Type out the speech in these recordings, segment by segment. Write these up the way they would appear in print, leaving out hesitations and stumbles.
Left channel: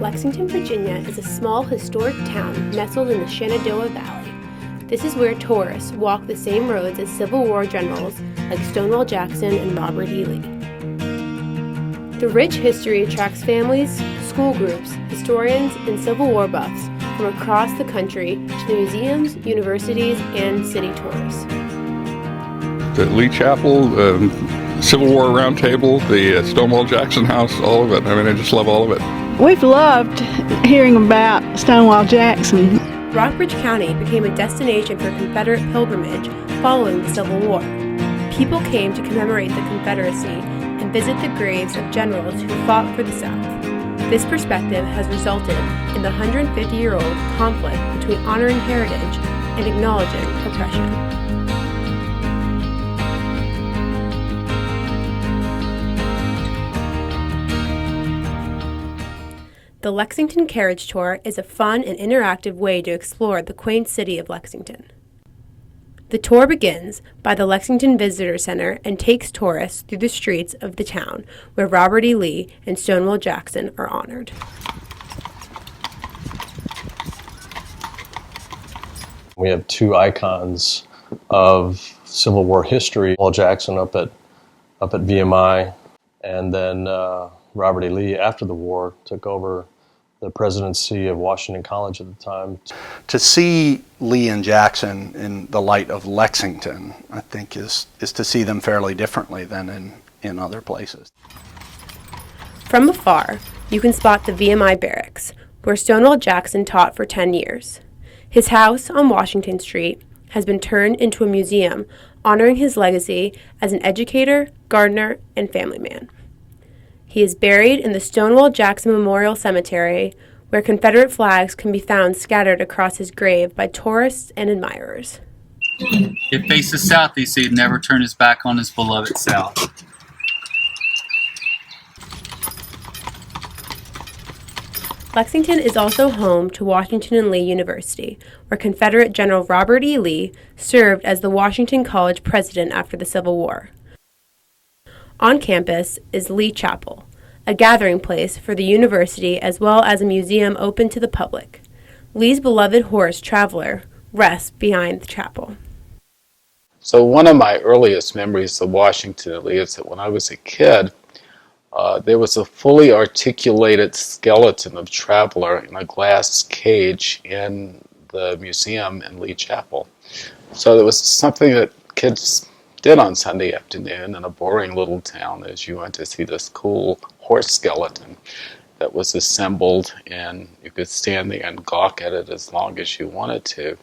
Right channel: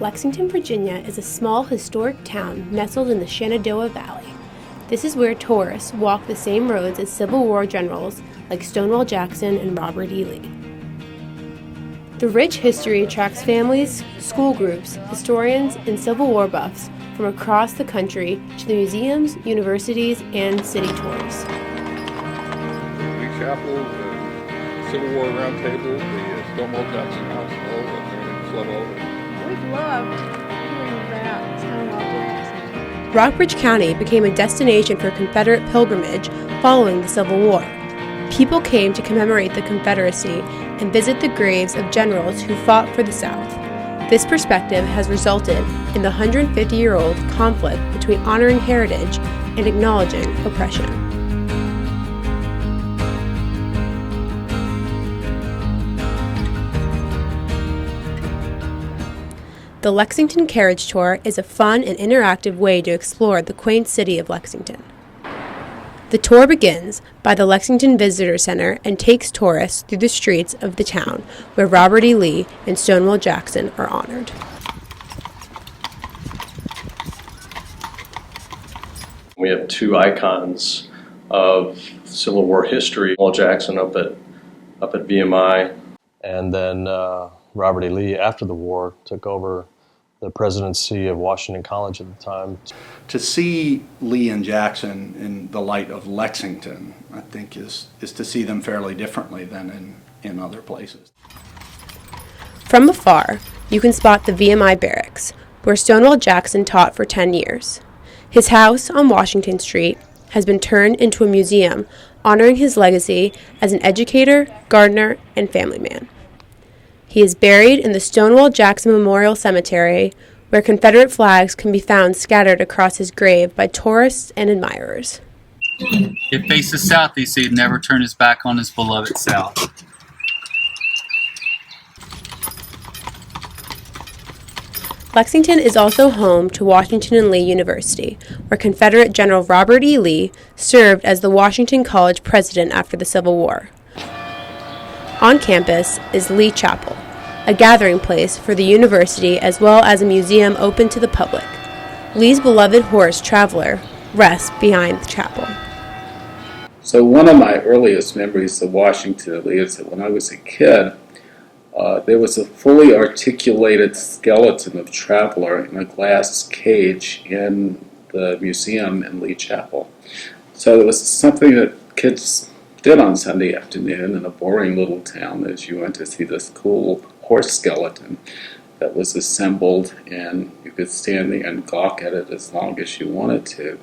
Lexington, Virginia is a small historic town nestled in the Shenandoah Valley. This is where tourists walk the same roads as Civil War generals like Stonewall Jackson and Robert E. Lee. The rich history attracts families, school groups, historians, and Civil War buffs from across the country to the museums, universities, and city tours. The Lee Chapel, Civil War Round Table, the Stonewall Jackson House, all of it. I mean, I just love all of it. We've loved hearing about Stonewall Jackson. Rockbridge County became a destination for Confederate pilgrimage following the Civil War. People came to commemorate the Confederacy and visit the graves of generals who fought for the South. This perspective has resulted in the 150-year-old conflict between honoring heritage and acknowledging oppression. The Lexington Carriage Tour is a fun and interactive way to explore the quaint city of Lexington. The tour begins by the Lexington Visitor Center and takes tourists through the streets of the town where Robert E. Lee and Stonewall Jackson are honored. We have two icons of Civil War history: Stonewall Jackson up at VMI, and then Robert E. Lee, after the war, took over the presidency of Washington College at the time. To see Lee and Jackson in the light of Lexington, I think, is to see them fairly differently than in other places. From afar, you can spot the VMI barracks, where Stonewall Jackson taught for 10 years. His house on Washington Street has been turned into a museum honoring his legacy as an educator, gardener, and family man. He is buried in the Stonewall Jackson Memorial Cemetery, where Confederate flags can be found scattered across his grave by tourists and admirers. It faces south, he said, never turn his back on his beloved South. Lexington is also home to Washington and Lee University, where Confederate General Robert E. Lee served as the Washington College president after the Civil War. On campus is Lee Chapel, a gathering place for the university as well as a museum open to the public. Lee's beloved horse, Traveler, rests behind the chapel. So one of my earliest memories of Washington and Lee is that when I was a kid, there was a fully articulated skeleton of Traveler in a glass cage in the museum in Lee Chapel. So it was something that kids did on Sunday afternoon in a boring little town, as you went to see this cool horse skeleton that was assembled, and you could stand there and gawk at it as long as you wanted to.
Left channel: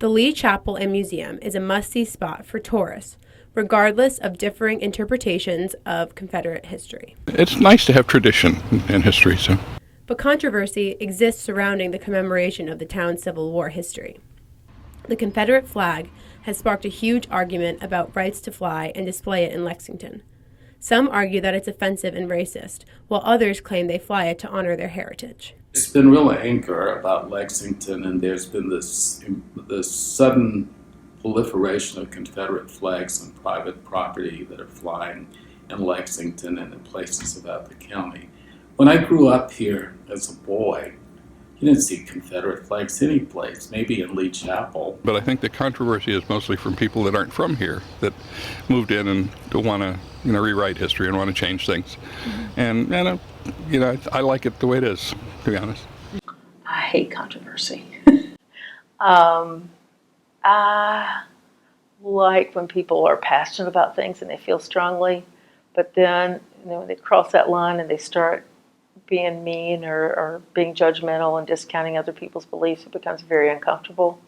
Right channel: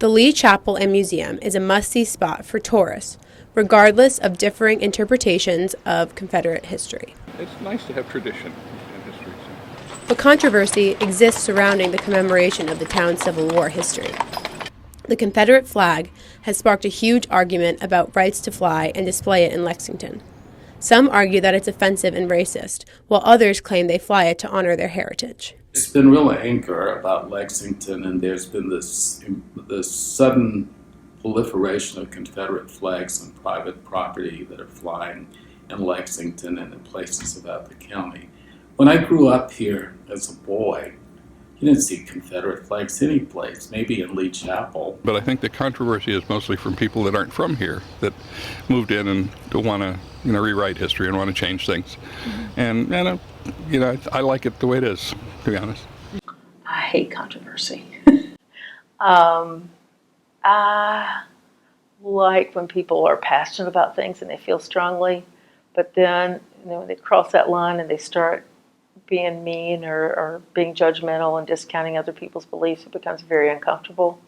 The Lee Chapel and Museum is a must-see spot for tourists, regardless of differing interpretations of Confederate history. It's nice to have tradition in history, so. But controversy exists surrounding the commemoration of the town's Civil War history. The Confederate flag has sparked a huge argument about rights to fly and display it in Lexington. Some argue that it's offensive and racist, while others claim they fly it to honor their heritage. There's been real anger about Lexington, and there's been this sudden proliferation of Confederate flags on private property that are flying in Lexington and in places about the county. When I grew up here as a boy, you didn't see Confederate flags any place, maybe in Lee Chapel. But I think the controversy is mostly from people that aren't from here, that moved in and don't want to, rewrite history and want to change things. Mm-hmm. And I like it the way it is, to be honest. I hate controversy. I like when people are passionate about things and they feel strongly, but then when they cross that line and they start being mean or being judgmental and discounting other people's beliefs, it becomes very uncomfortable.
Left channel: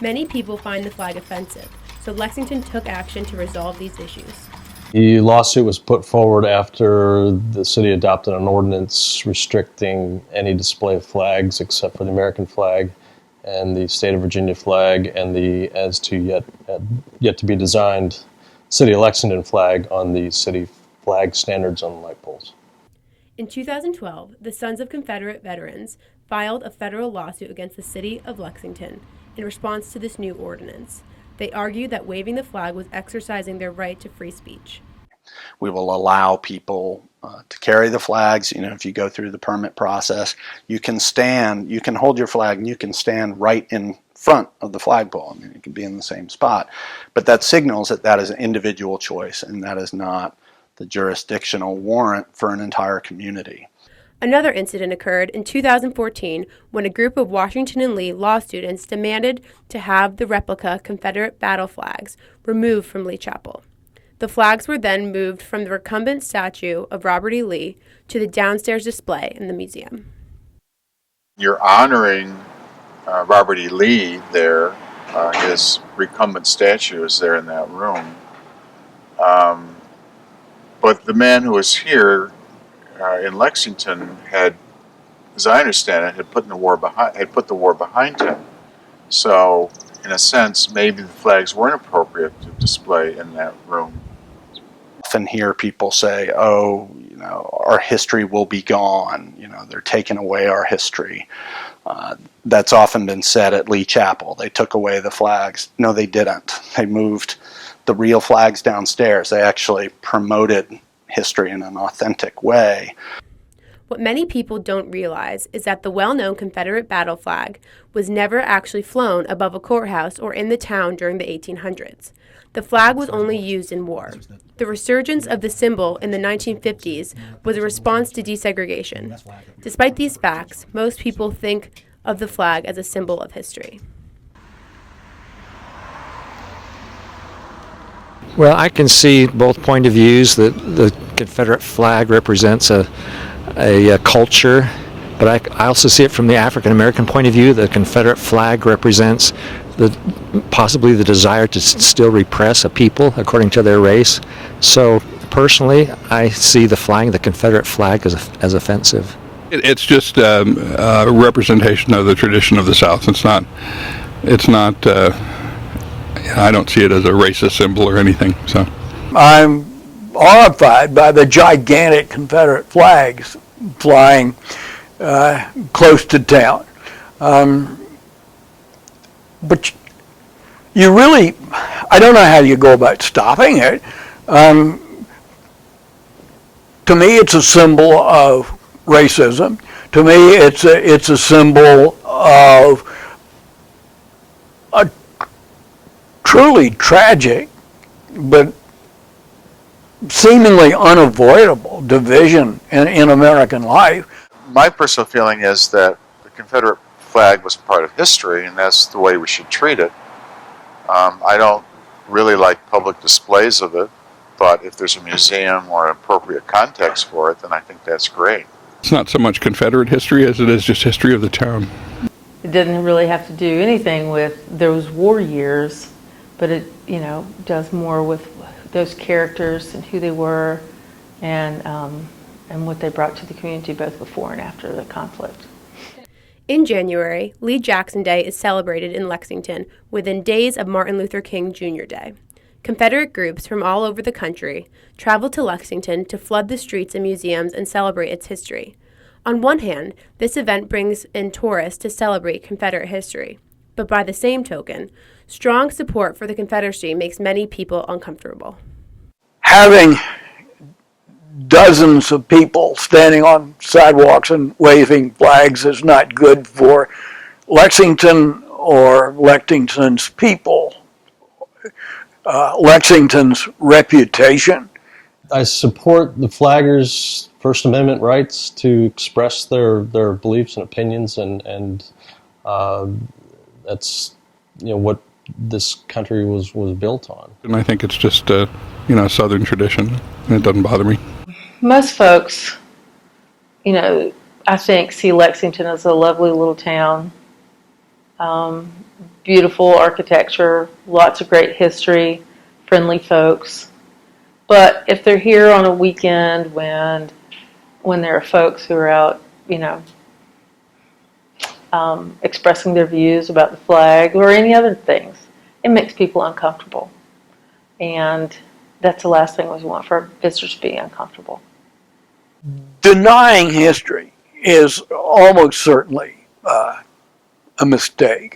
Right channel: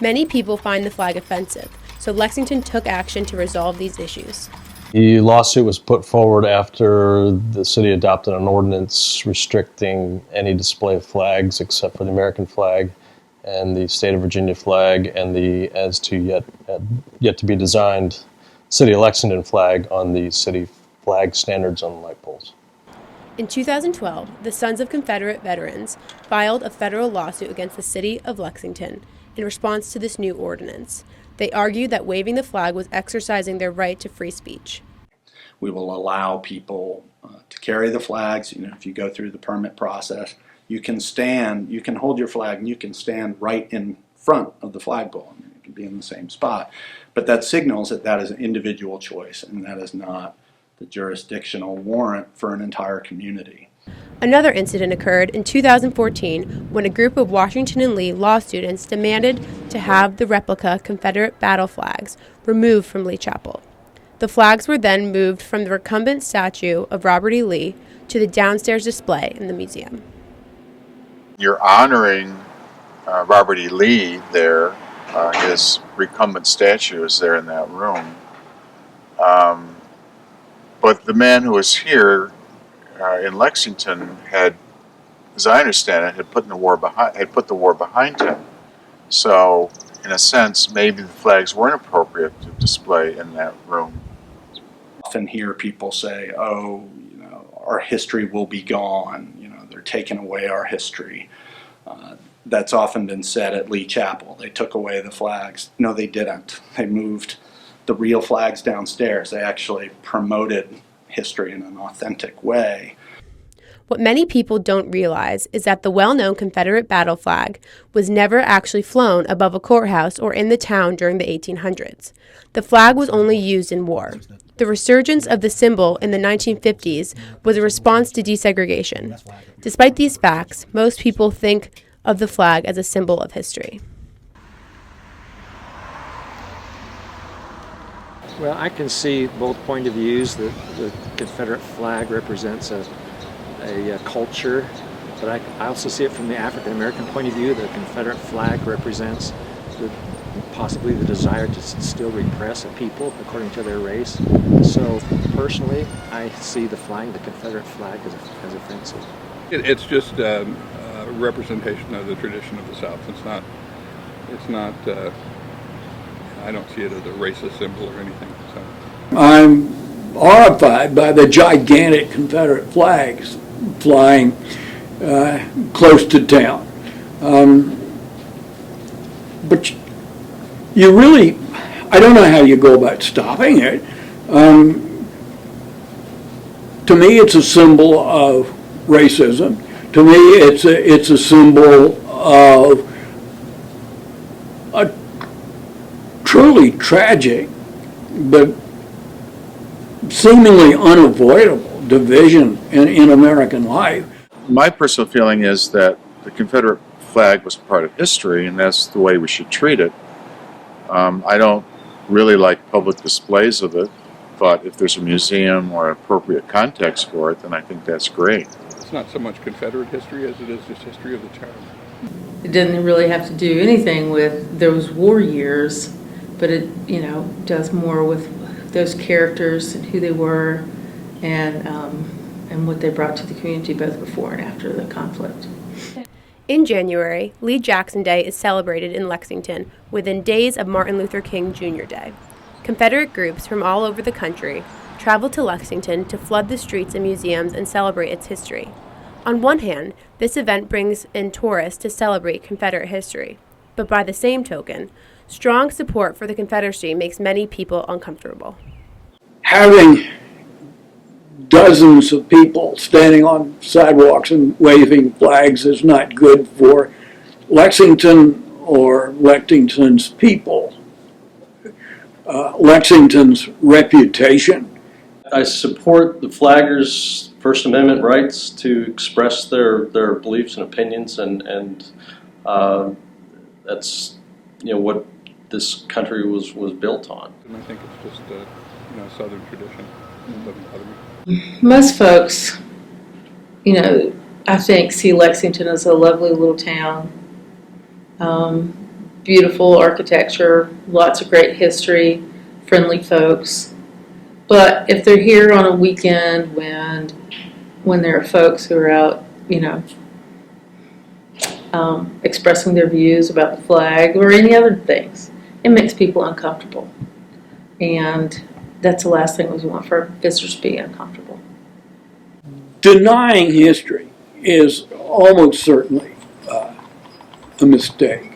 Many people find the flag offensive, so Lexington took action to resolve these issues. The lawsuit was put forward after the city adopted an ordinance restricting any display of flags except for the American flag and the state of Virginia flag and the yet to be designed city of Lexington flag on the city flag standards on light poles. In 2012, the Sons of Confederate Veterans filed a federal lawsuit against the city of Lexington in response to this new ordinance. They argued that waving the flag was exercising their right to free speech. We will allow people to carry the flags. If you go through the permit process, you can hold your flag and you can stand right in front of the flagpole. It can be in the same spot. But that signals that is an individual choice, and that is not the jurisdictional warrant for an entire community. Another incident occurred in 2014 when a group of Washington and Lee law students demanded to have the replica Confederate battle flags removed from Lee Chapel. The flags were then moved from the recumbent statue of Robert E. Lee to the downstairs display in the museum. You're honoring Robert E. Lee there. His recumbent statue is there in that room. But the man who was here in Lexington had, as I understand it, had put the war behind him. So, in a sense, maybe the flags weren't appropriate to display in that room. Often hear people say, "Oh, our history will be gone. They're taking away our history." That's often been said at Lee Chapel. They took away the flags. No, they didn't. They moved the real flags downstairs. They actually promoted history in an authentic way. What many people don't realize is that the well-known Confederate battle flag was never actually flown above a courthouse or in the town during the 1800s. The flag was only used in war. The resurgence of the symbol in the 1950s was a response to desegregation. Despite these facts, most people think of the flag as a symbol of history. Well, I can see both point of views. That the Confederate flag represents a culture, but I also see it from the African American point of view. The Confederate flag represents possibly the desire to still repress a people according to their race. So personally, I see the Confederate flag as offensive. It's just a representation of the tradition of the South. It's not. I don't see it as a racist symbol or anything. So, I'm horrified by the gigantic Confederate flags flying close to town. But you really, I don't know how you go about stopping it. To me, it's a symbol of racism. To me, it's a symbol of a truly tragic, but seemingly unavoidable division in American life. My personal feeling is that the Confederate flag was part of history, and that's the way we should treat it. I don't really like public displays of it, but if there's a museum or an appropriate context for it, then I think that's great. It's not so much Confederate history as it is just history of the town. It didn't really have to do anything with those war years, but it, does more with those characters and who they were and what they brought to the community both before and after the conflict. In January, Lee Jackson Day is celebrated in Lexington within days of Martin Luther King Jr. Day. Confederate groups from all over the country travel to Lexington to flood the streets and museums and celebrate its history. On one hand, this event brings in tourists to celebrate Confederate history, but by the same token, strong support for the Confederacy makes many people uncomfortable. Having dozens of people standing on sidewalks and waving flags is not good for Lexington or Lexington's people. Lexington's reputation. I support the flaggers' First Amendment rights to express their beliefs and opinions, and that's what this country was built on. And I think it's just Southern tradition, and it doesn't bother me. Most folks, I think see Lexington as a lovely little town. Beautiful architecture, lots of great history, friendly folks. But if they're here on a weekend when there are folks who are out, expressing their views about the flag or any other things, it makes people uncomfortable. And that's the last thing we want for our visitors to be uncomfortable. Denying history is almost certainly a mistake.